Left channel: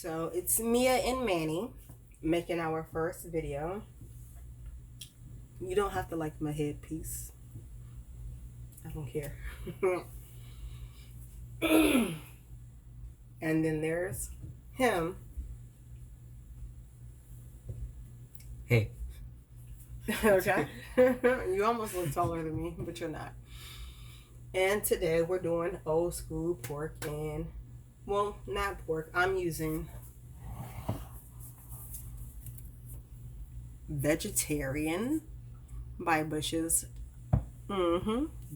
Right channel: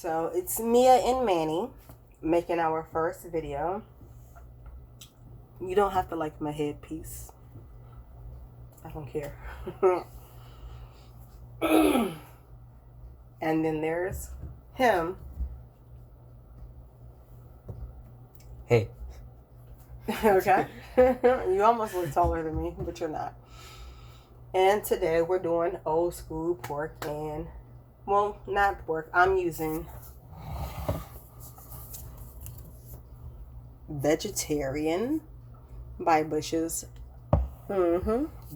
So it's Mia and Manny making our first video. You don't have to like my headpiece. I don't care. And then there's him. Hey. Okay. You almost look taller than me, but you're not. And today we're doing old school pork and, well, not pork. I'm using vegetarian by Bush's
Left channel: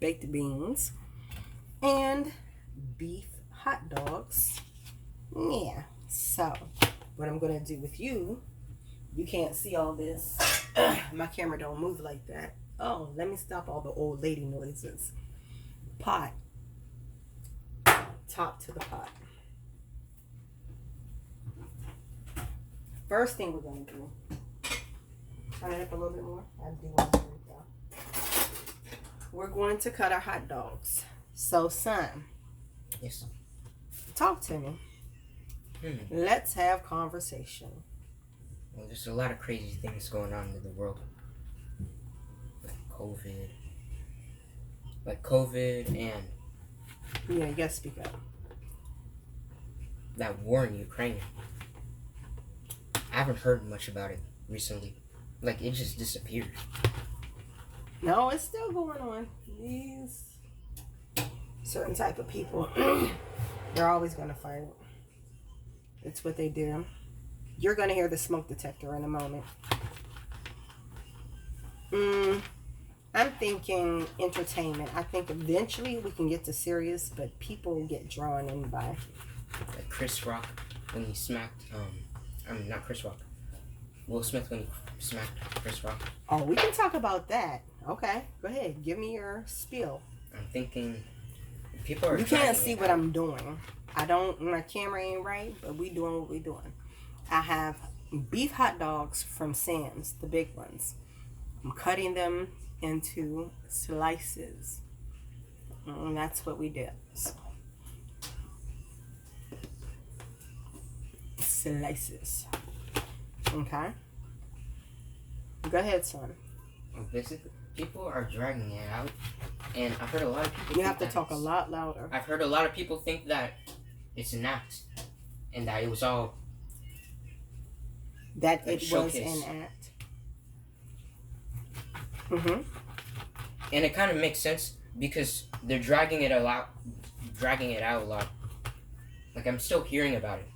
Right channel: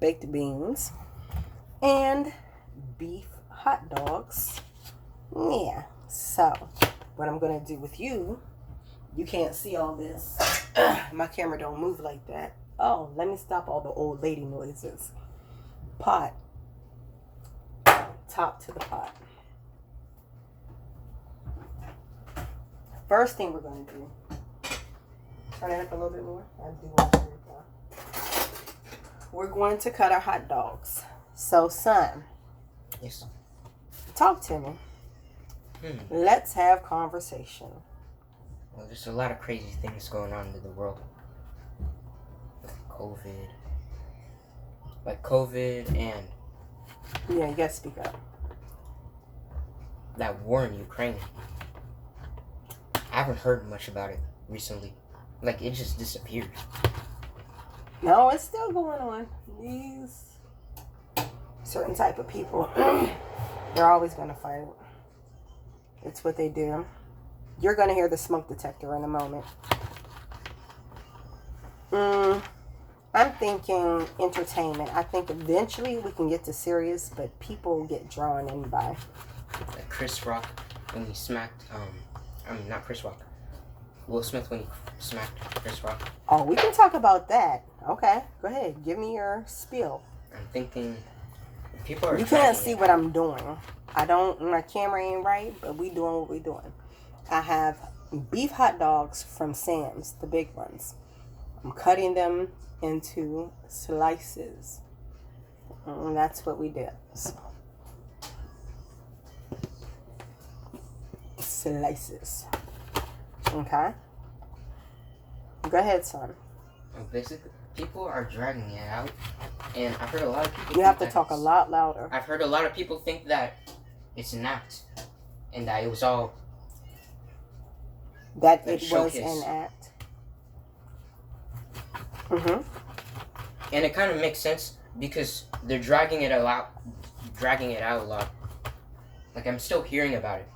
baked beans and beef hot dogs. Yeah. So what I'm gonna do with you can't see all this. My camera don't move like that. Oh, let me stop all the old lady noises. Pot. Top to the pot. First thing we're going to do, turn it up a little bit more. I do want to do that. We're going to cut our hot dogs. So, son. Yes. Talk to me. Let's have conversation. Well, there's a lot of crazy things going on in the world. Like COVID and... Yeah, you gotta speak up. That war in Ukraine. I haven't heard much about it recently. Like, it just disappeared. No, it's still going on. These certain type of people, they're always gonna fight. It's what they do. You're gonna hear the smoke detector in a moment. I'm thinking entertainment. I think eventually we can get to serious, but people get drawn in by. Like Chris Rock when he smacked, not Chris Rock. Will Smith when he smacked Chris Rock. Oh, we can talk about that. Okay, go ahead. Give me your spiel. I'm thinking people are. You can't see what I'm doing. My camera ain't right, but we doing what we doing. I have beef hot dogs from Sam's, the big ones. I'm cutting them into slices. And that's what we did. Slices. Okay? Go ahead, son. Basically, people are dragging it out. And I've heard a lot of people... You have to talk a lot louder. I've heard a lot of people think that it's an act. And that it was all... That like it showcase. was an act. And it kind of makes sense because they're dragging it out a lot. Like, I'm still hearing about it.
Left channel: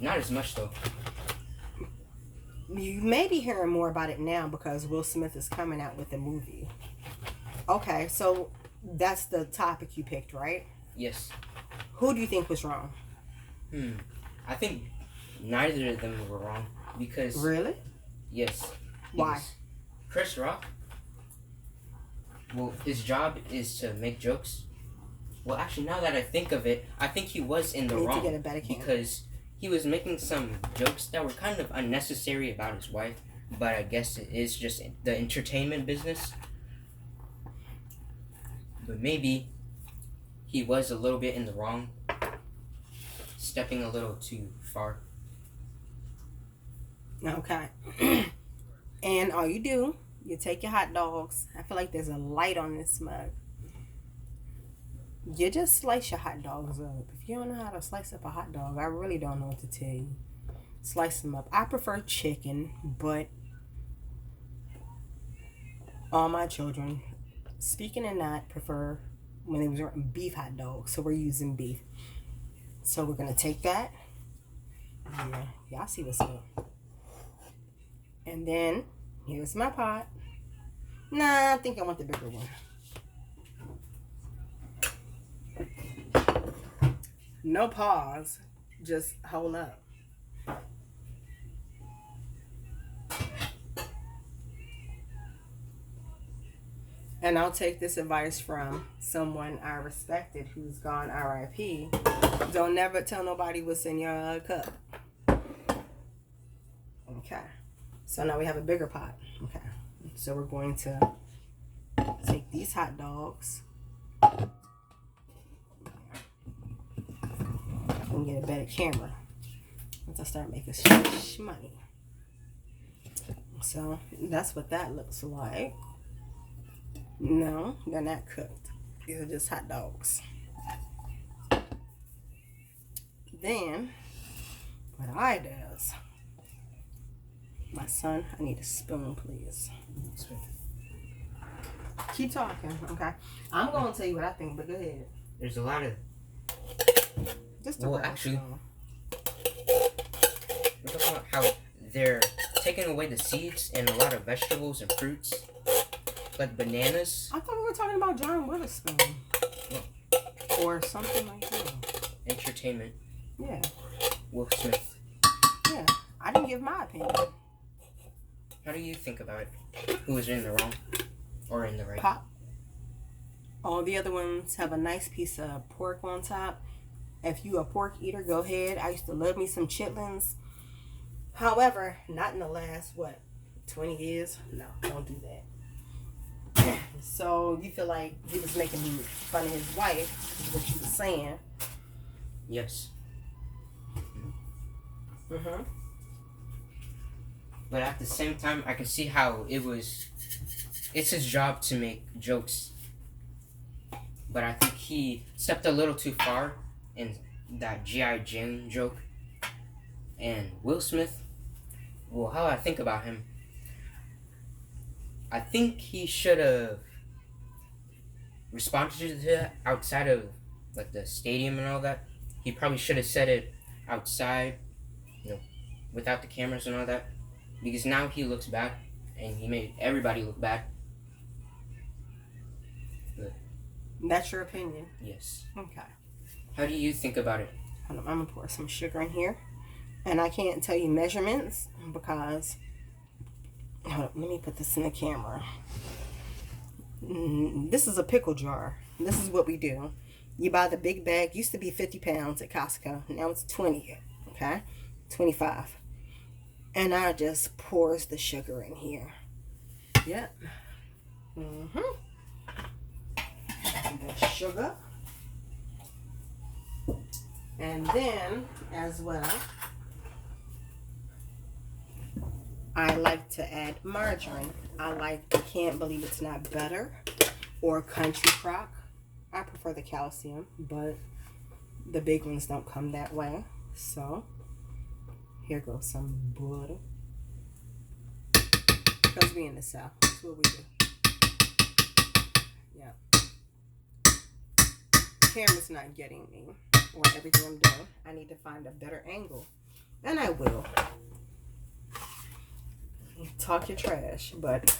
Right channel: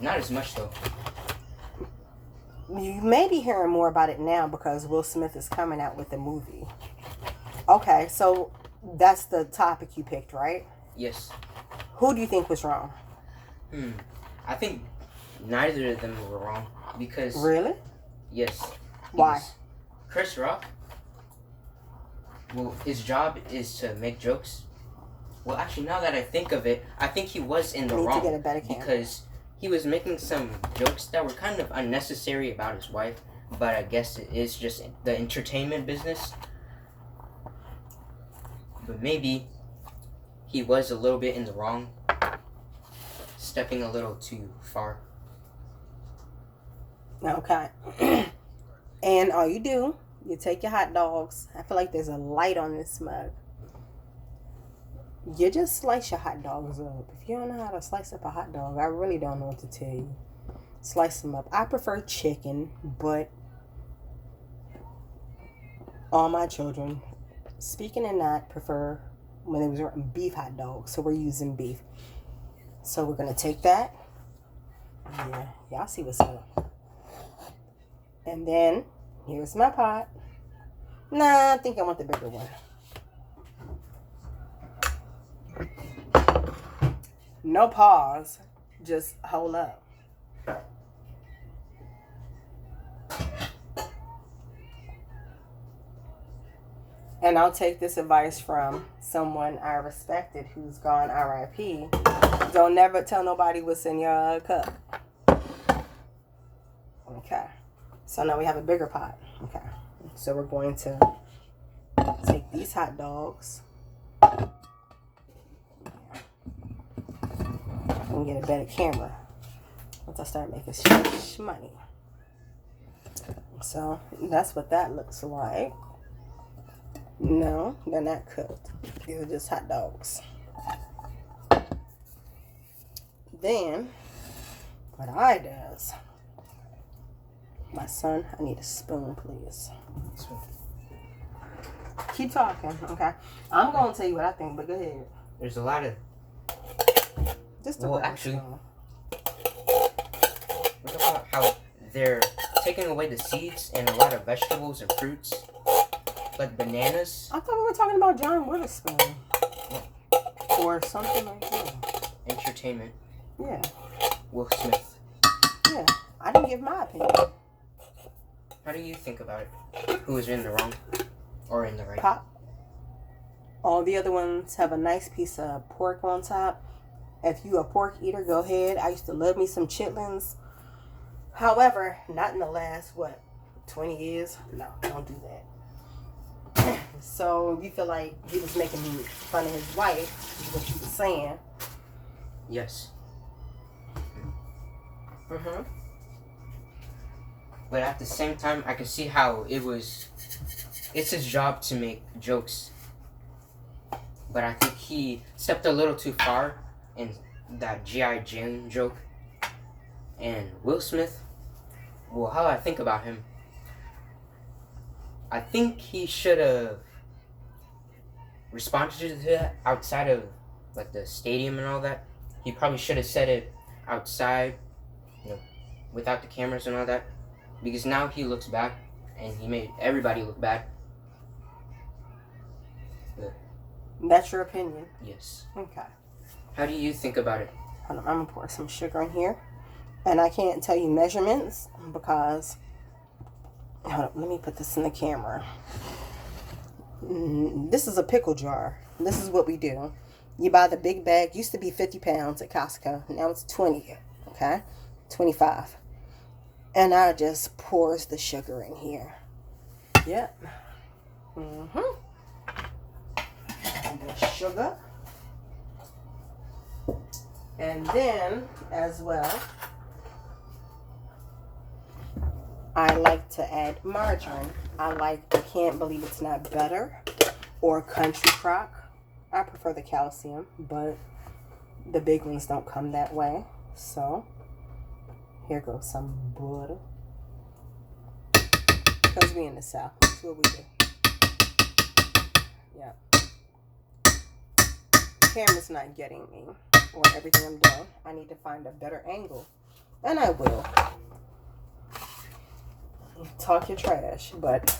Not as much though. You may be hearing more about it now because Will Smith is coming out with a movie. Okay, so that's the topic you picked, right? Yes. Who do you think was wrong? I think neither of them were wrong because... Really? Yes. Why? Chris Rock, well, his job is to make jokes. Well, actually, now that I think of it, I think he was in the wrong. To get a better camera. Because he was making some jokes that were kind of unnecessary about his wife, but I guess it is just the entertainment business. But maybe he was a little bit in the wrong, stepping a little too far. Okay. And all you do, you take your hot dogs. I feel like there's a light on this mug. You just slice your hot dogs up. If you don't know how to slice up a hot dog, I really don't know what to tell you. Slice them up. I prefer chicken, but all my children, speaking and not, prefer when it was beef hot dogs. So we're using beef. So we're going to take that. Yeah, y'all see what's up. And then, here's my pot. Nah, I think I want the bigger one. No pause. Just hold up. And I'll take this advice from someone I respected who's gone RIP. Don't never tell nobody what's in your cup. Okay. So now we have a bigger pot. Okay. So we're going to take these hot dogs and get a better camera. once I start making fresh money. So that's what that looks like. No, they're not cooked. These are just hot dogs. Then, what I does, my son, I need a spoon, please. Keep talking, okay? I'm going to tell you what I think, but go ahead. There's a lot of... Just a Well, brown actually, spoon. look about how they're taking away the seeds and a lot of vegetables and fruits, like bananas. I thought we were talking about John Witherspoon. Or something like that. Entertainment. Yeah. Will Smith. Yeah. I didn't give my opinion. How do you think about it? Who is in the wrong or in the right? Pop. All the other ones have a nice piece of pork on top. If you a pork eater, go ahead. I used to love me some chitlins. However, not in the last, 20 years? No, don't do that. So, you feel like he was making fun of his wife, is what you were saying. Yes. Mm-hmm. But at the same time, I can see how it's his job to make jokes. But I think he stepped a little too far in that G.I. Jane joke. And Will Smith, well, how I think about him, I think he should have responded to that outside of like the stadium and all that. He probably should have said it outside, without the cameras and all that. Because now he looks bad, and he made everybody look bad. But, That's your opinion? yes. Okay. How do you think about it? Hold on, I'm going to pour some sugar in here. And I can't tell you measurements because... Hold up, let me put this in the camera. This is a pickle jar. This is what we do. You buy the big bag. Used to be 50 pounds at Costco. Now it's 20. Okay? 25. And I just pours the sugar in here. Yep. The sugar. And then, as well, I like to add margarine. I can't believe it's not butter or country crock. I prefer the calcium, but the big ones don't come that way. So, here goes some butter. Because we in the South. That's what we do. Yep. Camera's not getting me or everything I'm doing. I need to find a better angle. And I will. Talk your trash, but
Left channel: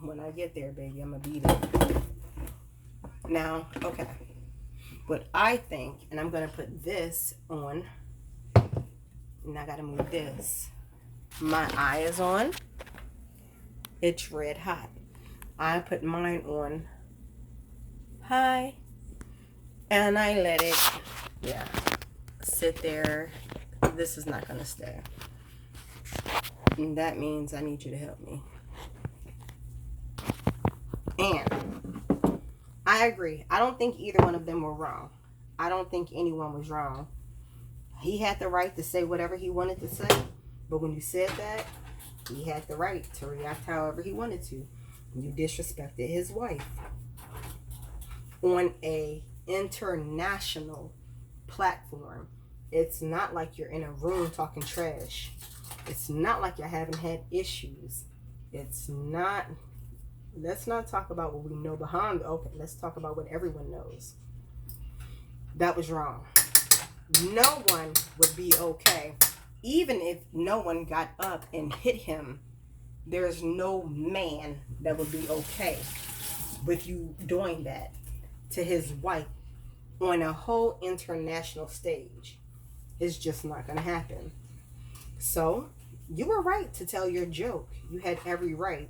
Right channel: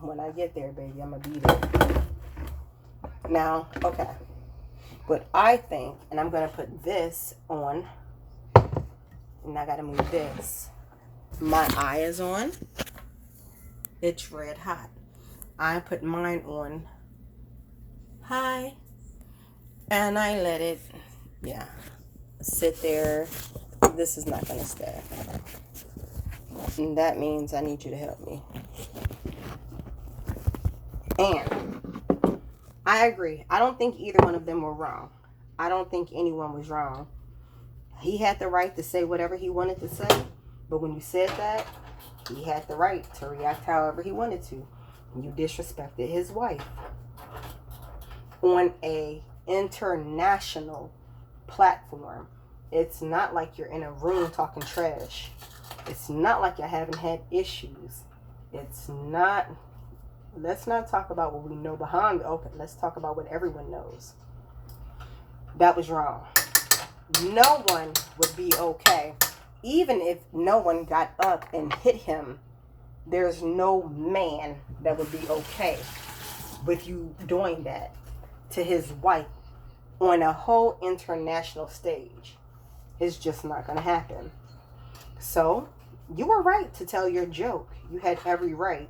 when I get there, baby, I'm gonna be there. Now, okay. What I think, and I'm gonna put this on, and I gotta move this. My eye is on. It's red hot. I put mine on high, and I let it, sit there. This is not gonna stay. And that means I need you to help me. And I agree. I don't think either one of them were wrong. I don't think anyone was wrong. He had the right to say whatever he wanted to say. But when you said that, he had the right to react however he wanted to. You disrespected his wife on a international platform. It's not like you're in a room talking trash. It's not like you haven't had issues. It's not. Let's not talk about what we know behind. Okay, let's talk about what everyone knows. That was wrong. No one would be okay. Even if no one got up and hit him, there's no man that would be okay with you doing that to his wife on a whole international stage. It's just not going to happen. So, you were right to tell your joke. You had every right.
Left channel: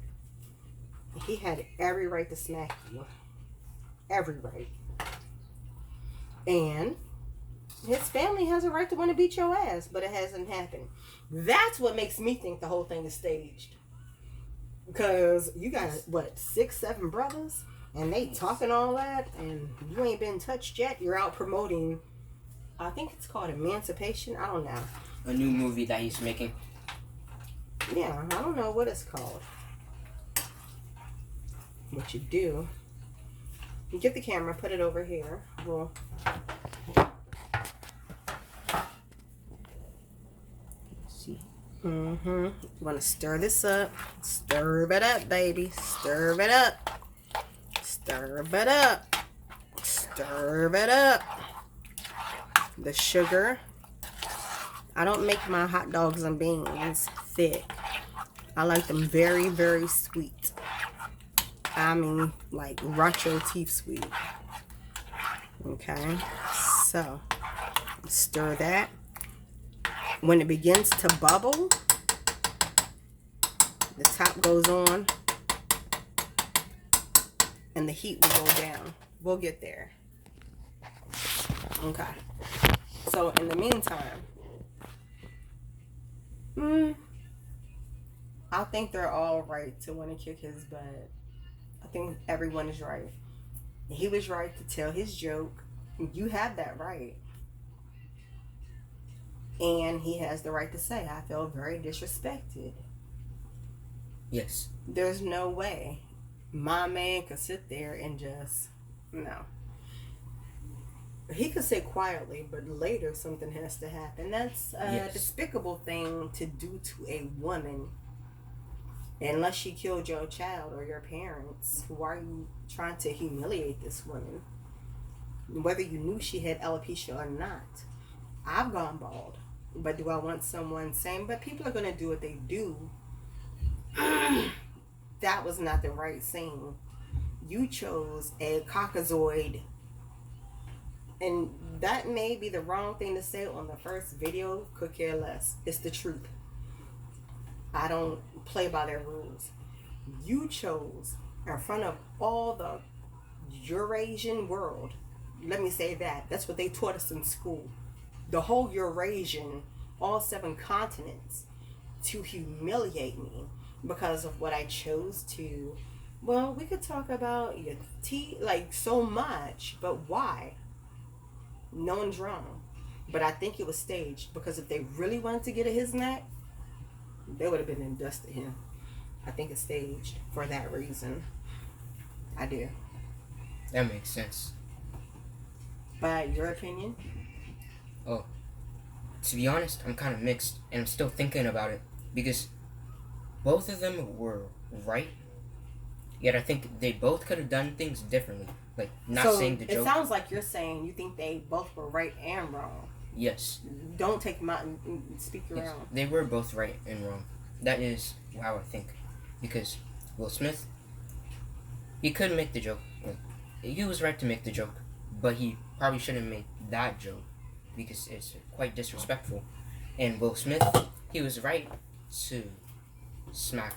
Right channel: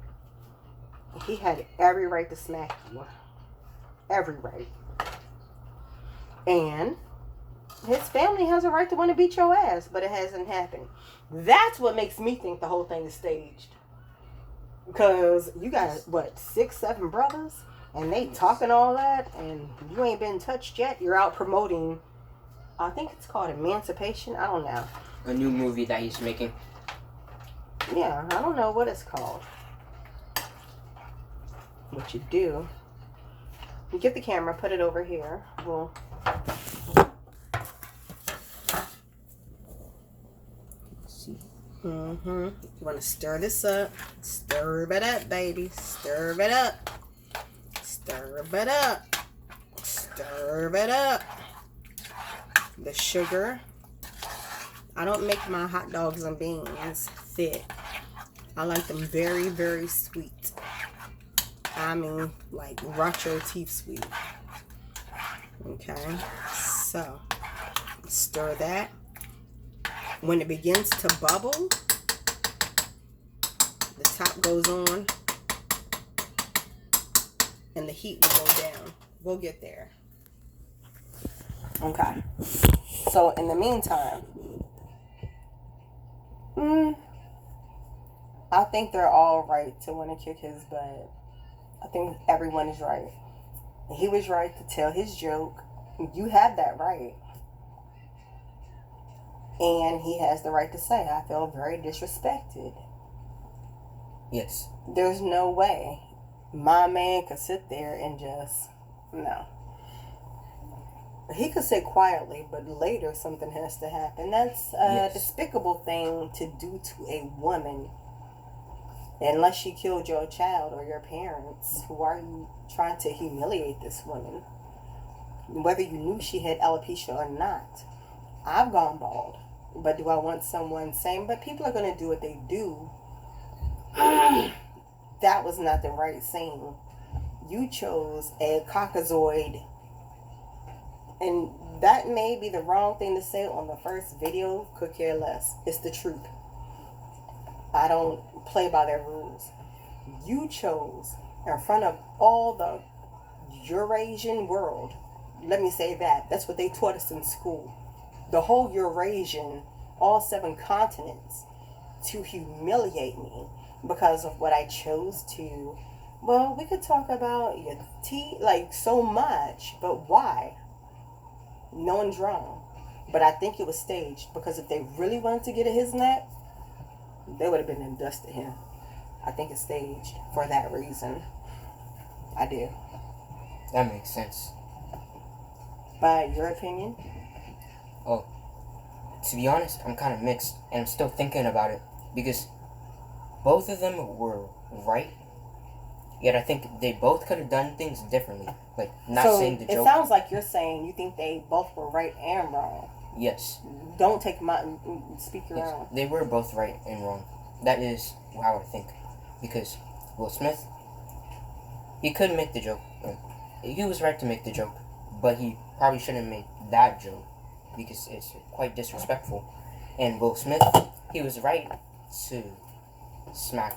He had every right to smack you. Every right. And his family has a right to want to beat your ass, but it hasn't happened. That's what makes me think the whole thing is staged. Because you got, 6, 7 brothers? And they talking all that, and you ain't been touched yet. You're out promoting I think it's called Emancipation. I don't know. A new movie that he's making. Yeah, I don't know what it's called. What you do, you get the camera, put it over here. Well, see. you want to stir this up. Stir it up, baby. Stir it up. Stir it up. Stir it up. The sugar. I don't make my hot dogs and beans thick. I like them very, very sweet. I mean, like rot your teeth sweet. Okay, so stir that. When it begins to bubble, the top goes on and the heat will go down. We'll get there. Okay, so in the meantime, I think they're all right to want to kick his butt. I think everyone is right. He was right to tell his joke. You have that right. And he has the right to say, I feel very disrespected. Yes. There's no way my man could sit there and just, no. He could sit quietly, but later something has to happen. That's a despicable thing to do to a woman. Unless she killed your child or your parents, why are you trying to humiliate this woman? Whether you knew she had alopecia or not. I've gone bald. But do I want someone saying, but people are going to do what they do? That was not the right thing. You chose a caucasoid. And that may be the wrong thing to say on the first video. Could care less. It's the truth. I don't play by their rules. You chose in front of all the Eurasian world. Let me say that. That's what they taught us in school. The whole Eurasian, all 7 continents, to humiliate me because of what I chose to. Well, we could talk about your teeth, like so much, but why? No one's wrong. But I think it was staged because if they really wanted to get at his neck, they would have been and dusted him. I think it's staged for that reason. I do. That makes sense. By your opinion? Oh, to be honest, I'm kind of mixed, and I'm still thinking about it because both of them were right. Yet I think they both could have done things differently, like not saying the joke. It sounds like you're saying you think they both were right and wrong. Yes. Don't take my speak your own. They were both right and wrong. That is how I think, because Will Smith, he could make the joke. He was right to make the joke, but he probably shouldn't make that joke because it's quite disrespectful. And Will Smith, he was right to smack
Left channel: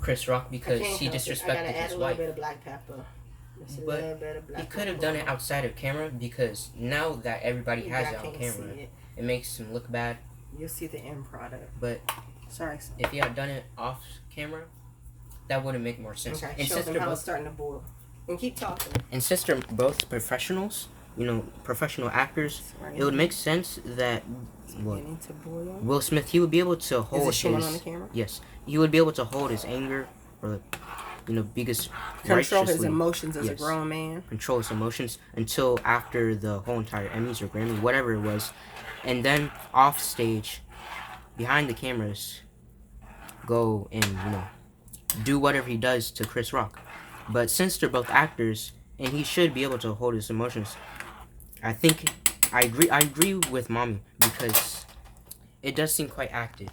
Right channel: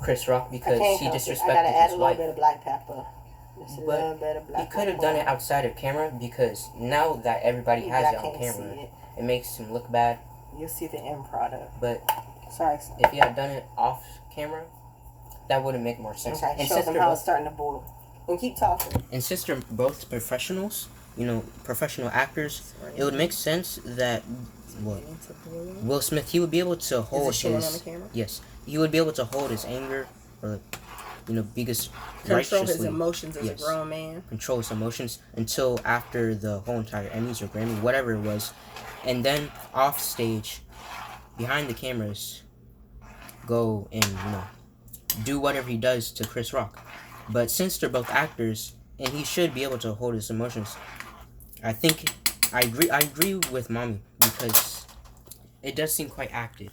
Chris Rock because he disrespected his wife. I gotta add a little bit of black pepper. But he could have done it outside of camera because now that everybody has it on camera, it makes him look bad. You'll see the end product. But sorry. If he had done it off camera, that would have made more sense. Okay, and show them how it's starting to boil. And keep talking. And since they're both professionals, professional actors, it would make sense that Will Smith, he would be able to hold his on the camera? Yes, he would be able to hold his anger or because control his emotions as a grown man. Control his emotions until after the whole entire Emmys or Grammy, whatever it was, and then off stage, behind the cameras, go and do whatever he does to Chris Rock. But since they're both actors and he should be able to hold his emotions, I think I agree with Mommy because it does seem quite acted.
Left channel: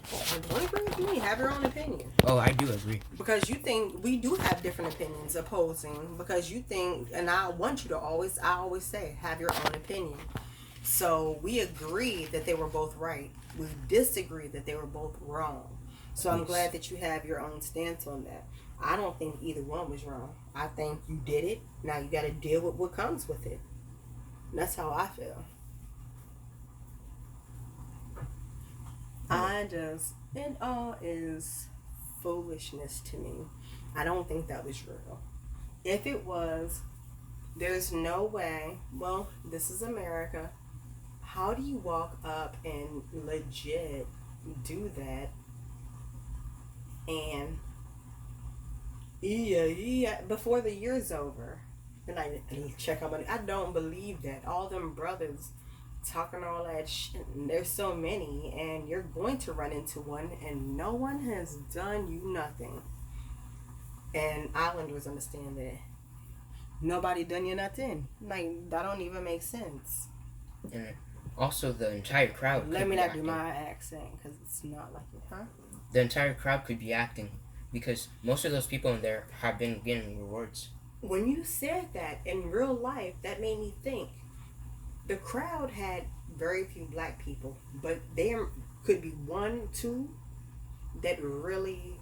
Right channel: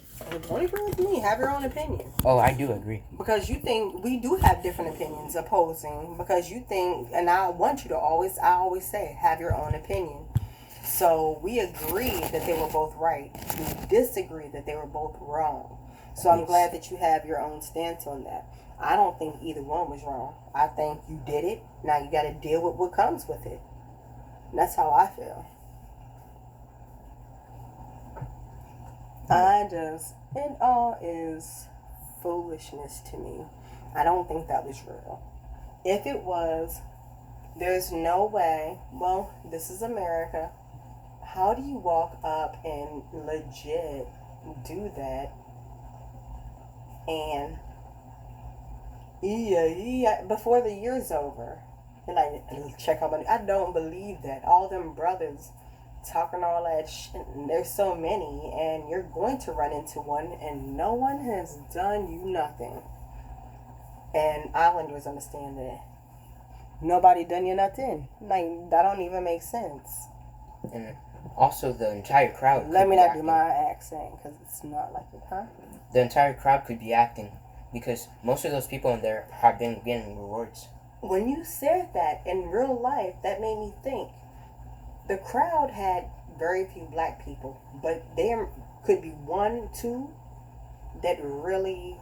Don't agree with me. Have your own opinion. Oh, I do agree. Because you think we do have different opinions opposing. Because you think, and I want you to always say, have your own opinion. So we agree that they were both right. We disagree that they were both wrong. So I'm glad that you have your own stance on that. I don't think either one was wrong. I think you did it. Now you got to deal with what comes with it. And that's how I feel. It all is foolishness to me. I don't think that was real. If it was, there's no way, well, this is America. How do you walk up and legit do that? And yeah, before the year's over, and I check on money. I don't believe that. All them brothers talking all that shit. And there's so many, and you're going to run into one, and no one has done you nothing. And Islanders understand that. Nobody done you nothing. Like, that don't even make sense. And also, the entire crowd. Let me not do my accent, because it's not like it, huh? The entire crowd could be acting, because most of those people in there have been getting rewards. When you said that in real life, that made me think. The crowd had very few black people, but there could be one, two that really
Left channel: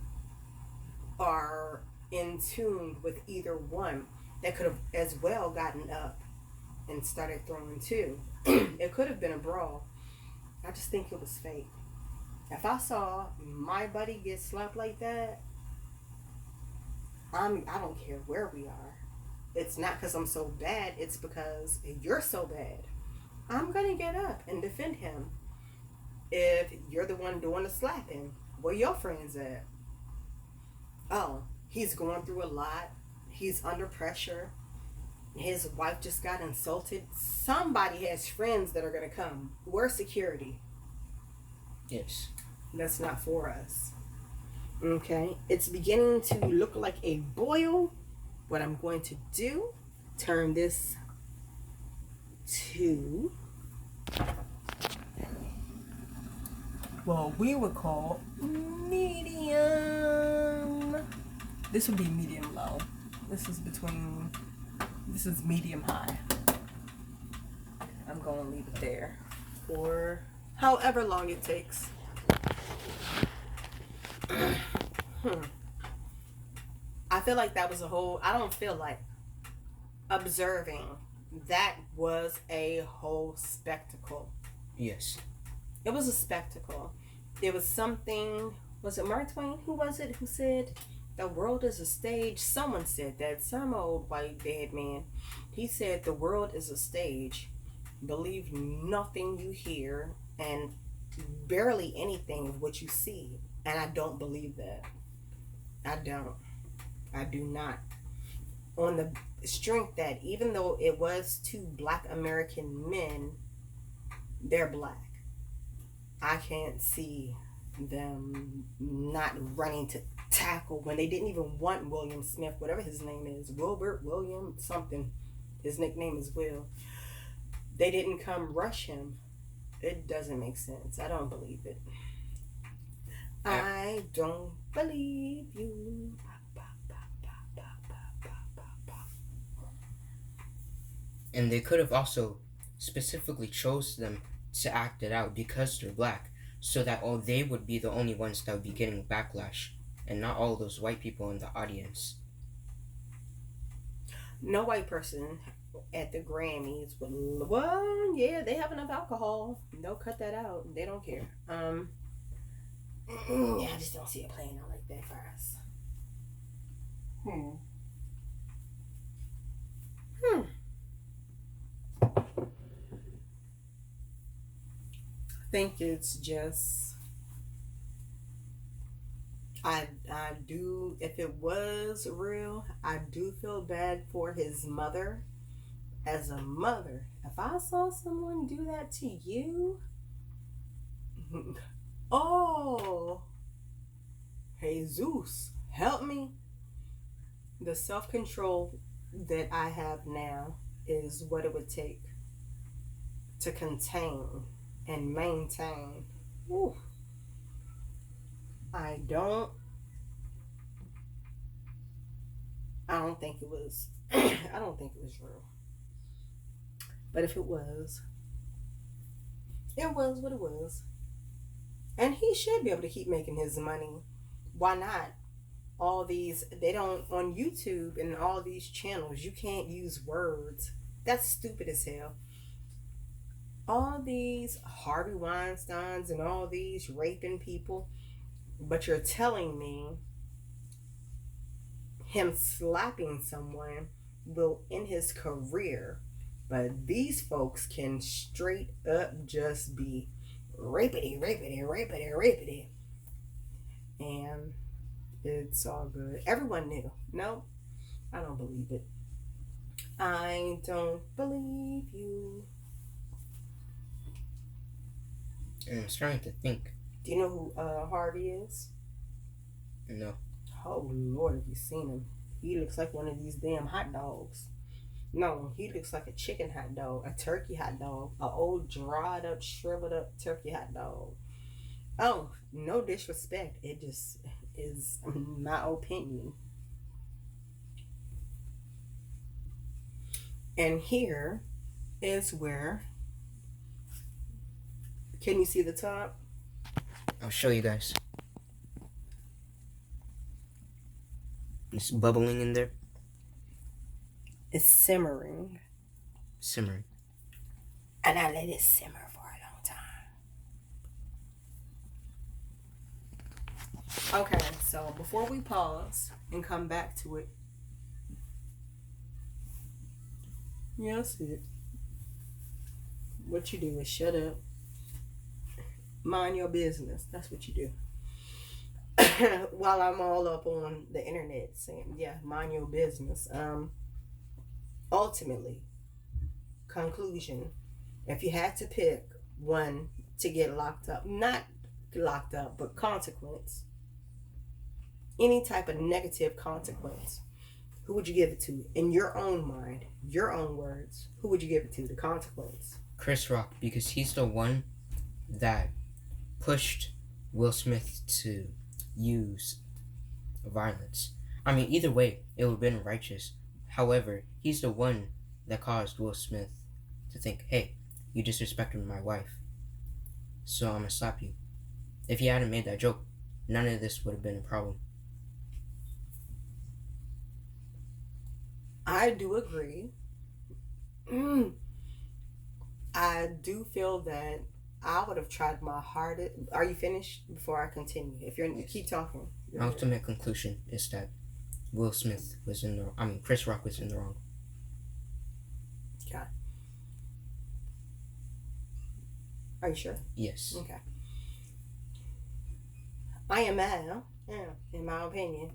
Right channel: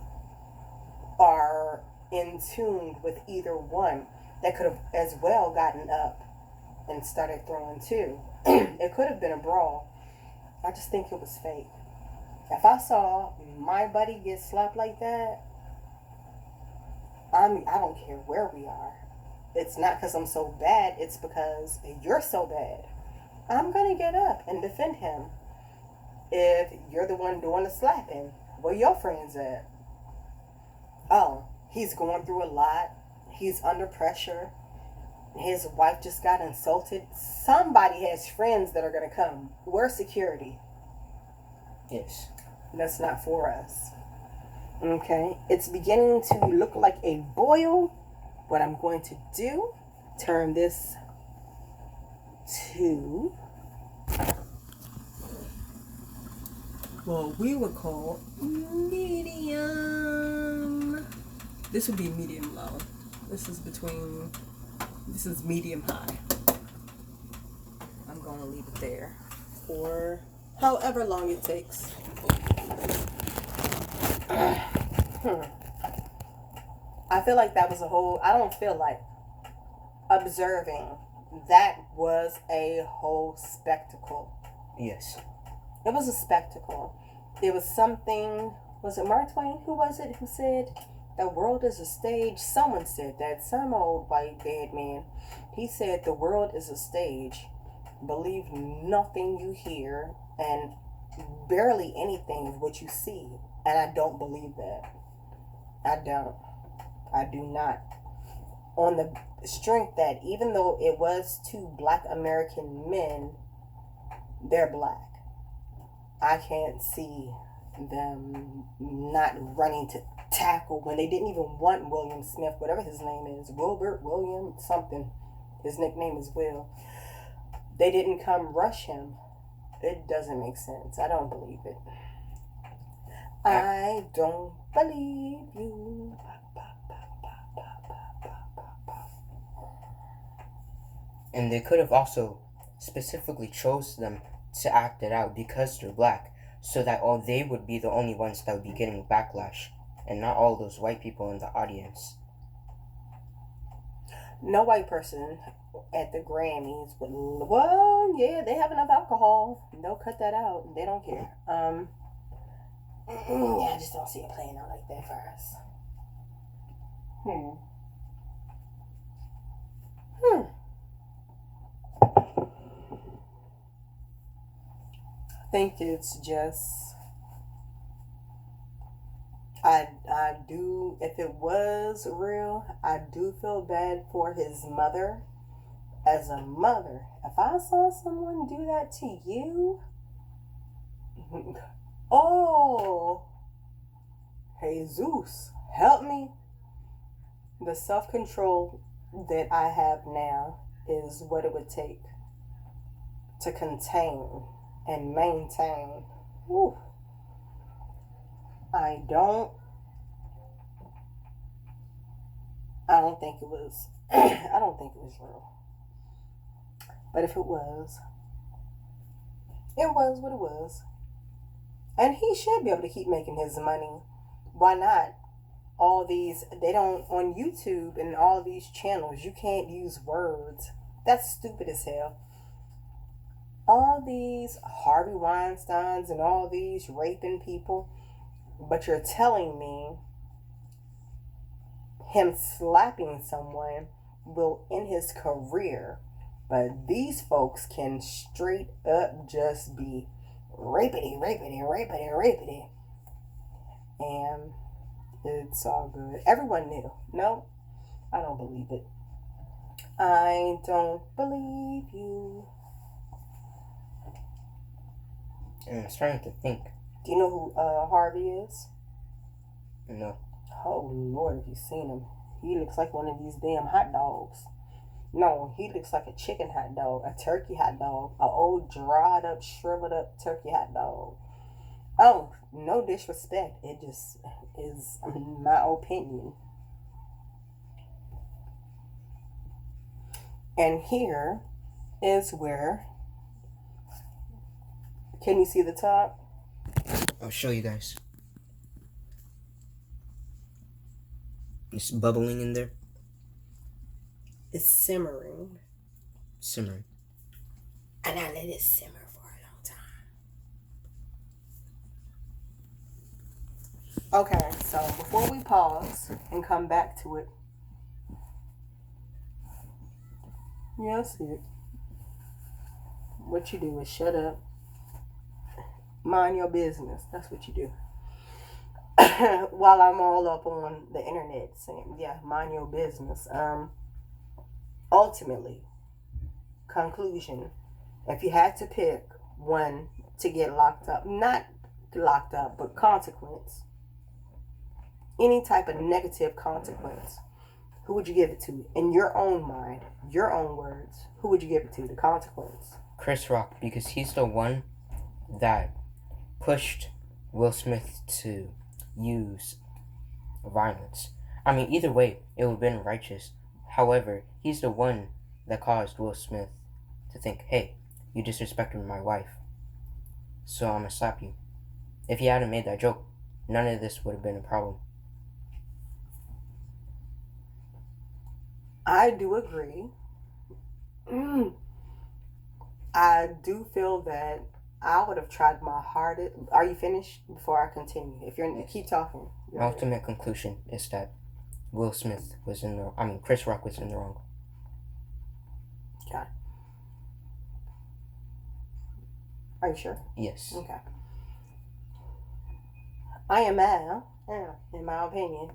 are in tune with either one that could have as well gotten up and started throwing too. It could have been a brawl. I just think it was fake. If I saw my buddy get slapped like that, I don't care where we are. It's not because I'm so bad. It's because you're so bad. I'm going to get up and defend him. If you're the one doing the slapping, where your friends at? Oh, he's going through a lot. He's under pressure. His wife just got insulted. Somebody has friends that are going to come. We're security. Yes. That's not for us. Okay, it's beginning to look like a boil. What I'm going to do, turn this to what we would call medium. This would be medium low. This is medium high. I'm going to leave it there for however long it takes. I feel like that was I don't feel like observing. That was a whole spectacle. Yes. It was a spectacle. It was something, was it Mark Twain? Who was it who said, the world is a stage? Someone said that, some old white dead man. He said, the world is a stage. Believe nothing you hear and barely anything of what you see. And I don't believe that. I don't. I do not. On the strength that even though it was two black American men, they're black. I can't see them not running to tackle when they didn't even want William Smith, whatever his name is, Wilbert, William, something. His nickname is Will. They didn't come rush him. It doesn't make sense. I don't believe it. I don't believe you. And they could have also specifically chose them to act it out because they're black, so that they would be the only ones that would be getting backlash, and not all those white people in the audience. No white person at the Grammys would, well, yeah, they have enough alcohol. They'll cut that out. They don't care. Yeah, I just don't see it playing out like that for us. I think it's just, I do, if it was real, I do feel bad for his mother. As a mother, if I saw someone do that to you, oh, Jesus, help me. The self-control that I have now is what it would take to contain and maintain. Whew. I don't think it was I don't think it was real. But if it was what it was. And he should be able to keep making his money. Why not? All these, they don't, on YouTube and all these channels, you can't use words. That's stupid as hell. All these Harvey Weinsteins and all these raping people, but you're telling me him slapping someone will end his career But these folks can straight up just be rapity, rapity, rapity, rapity. And it's all good. Everyone knew. No, I don't believe it. I don't believe you. And I'm starting to think. Do you know who Harvey is? No. Oh, Lord, have you seen him? He looks like one of these damn hot dogs. No, he looks like a chicken hot dog, a turkey hot dog, a old dried up, shriveled up turkey hot dog. Oh, no disrespect. It just is my opinion. And here is where. Can you see the top? I'll show you guys. It's bubbling in there. It's simmering. Simmering. And I let it simmer for a long time. Okay, so before we pause and come back to it. Yeah, I see it. What you do is shut up. Mind your business. That's what you do. While I'm all up on the internet saying, yeah, mind your business. Ultimately, conclusion, if you had to pick one to get locked up, not locked up, but consequence, any type of negative consequence, who would you give it to? In your own mind, your own words, who would you give it to, the consequence? Chris Rock, because he's the one that pushed Will Smith to use violence. I mean, either way, it would have been righteous. However, he's the one that caused Will Smith to think, hey, you disrespected my wife, so I'm gonna slap you. If he hadn't made that joke, none of this would have been a problem. I do agree. I do feel that I would have tried my hardest. Are you finished before I continue? If you're, Yes. keep talking. My ultimate conclusion is that Will Smith was in the. I mean, Chris Rock was in the wrong. Okay. Are you sure? Yes. Okay. I am mad, in my opinion.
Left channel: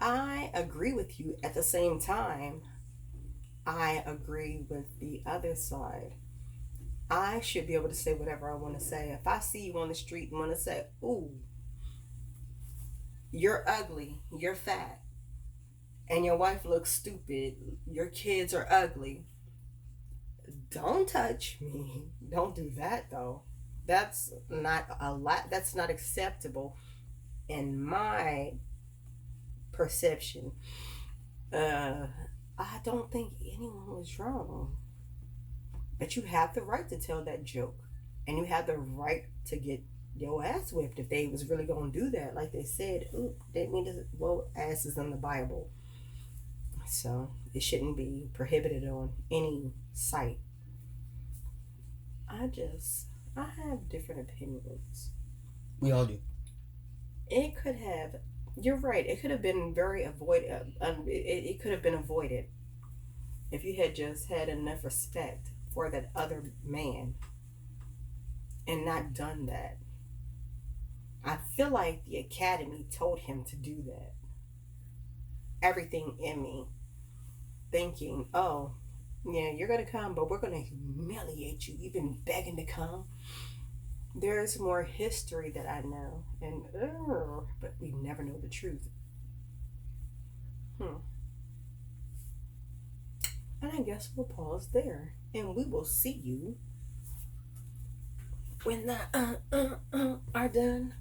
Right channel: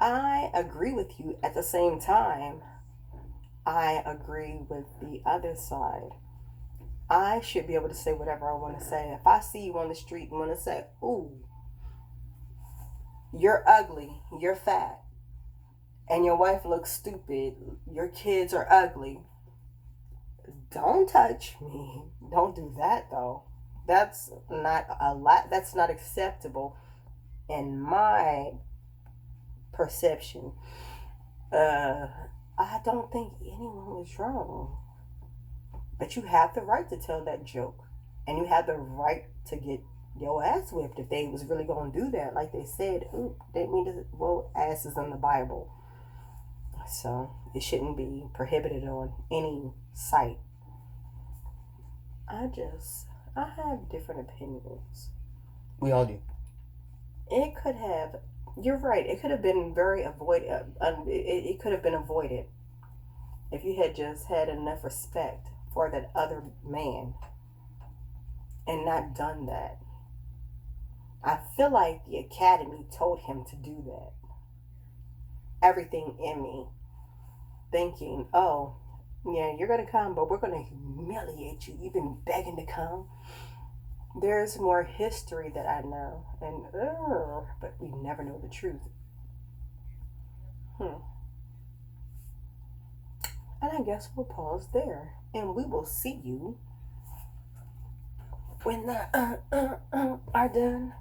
I agree with you. At the same time, I agree with the other side. I should be able to say whatever I want to say. If I see you on the street and want to say, ooh, you're ugly, you're fat, and your wife looks stupid, your kids are ugly, don't touch me. Don't do that, though. That's not a lot. That's not acceptable in my perception. I don't think anyone was wrong. But you have the right to tell that joke. And you have the right to get your ass whipped if they was really going to do that. Like they said, ooh, they mean to, well, ass is in the Bible. So it shouldn't be prohibited on any site. I have different opinions. We all do. It could have, you're right, it could have been it could have been avoided if you had just had enough respect for that other man and not done that. I feel like the academy told him to do that. Everything in me thinking, oh, yeah, you're going to come, but we're going to humiliate you. You've been begging to come. There's more history that I know, but we never know the truth. And I guess we'll pause there, and we will see you when the are done.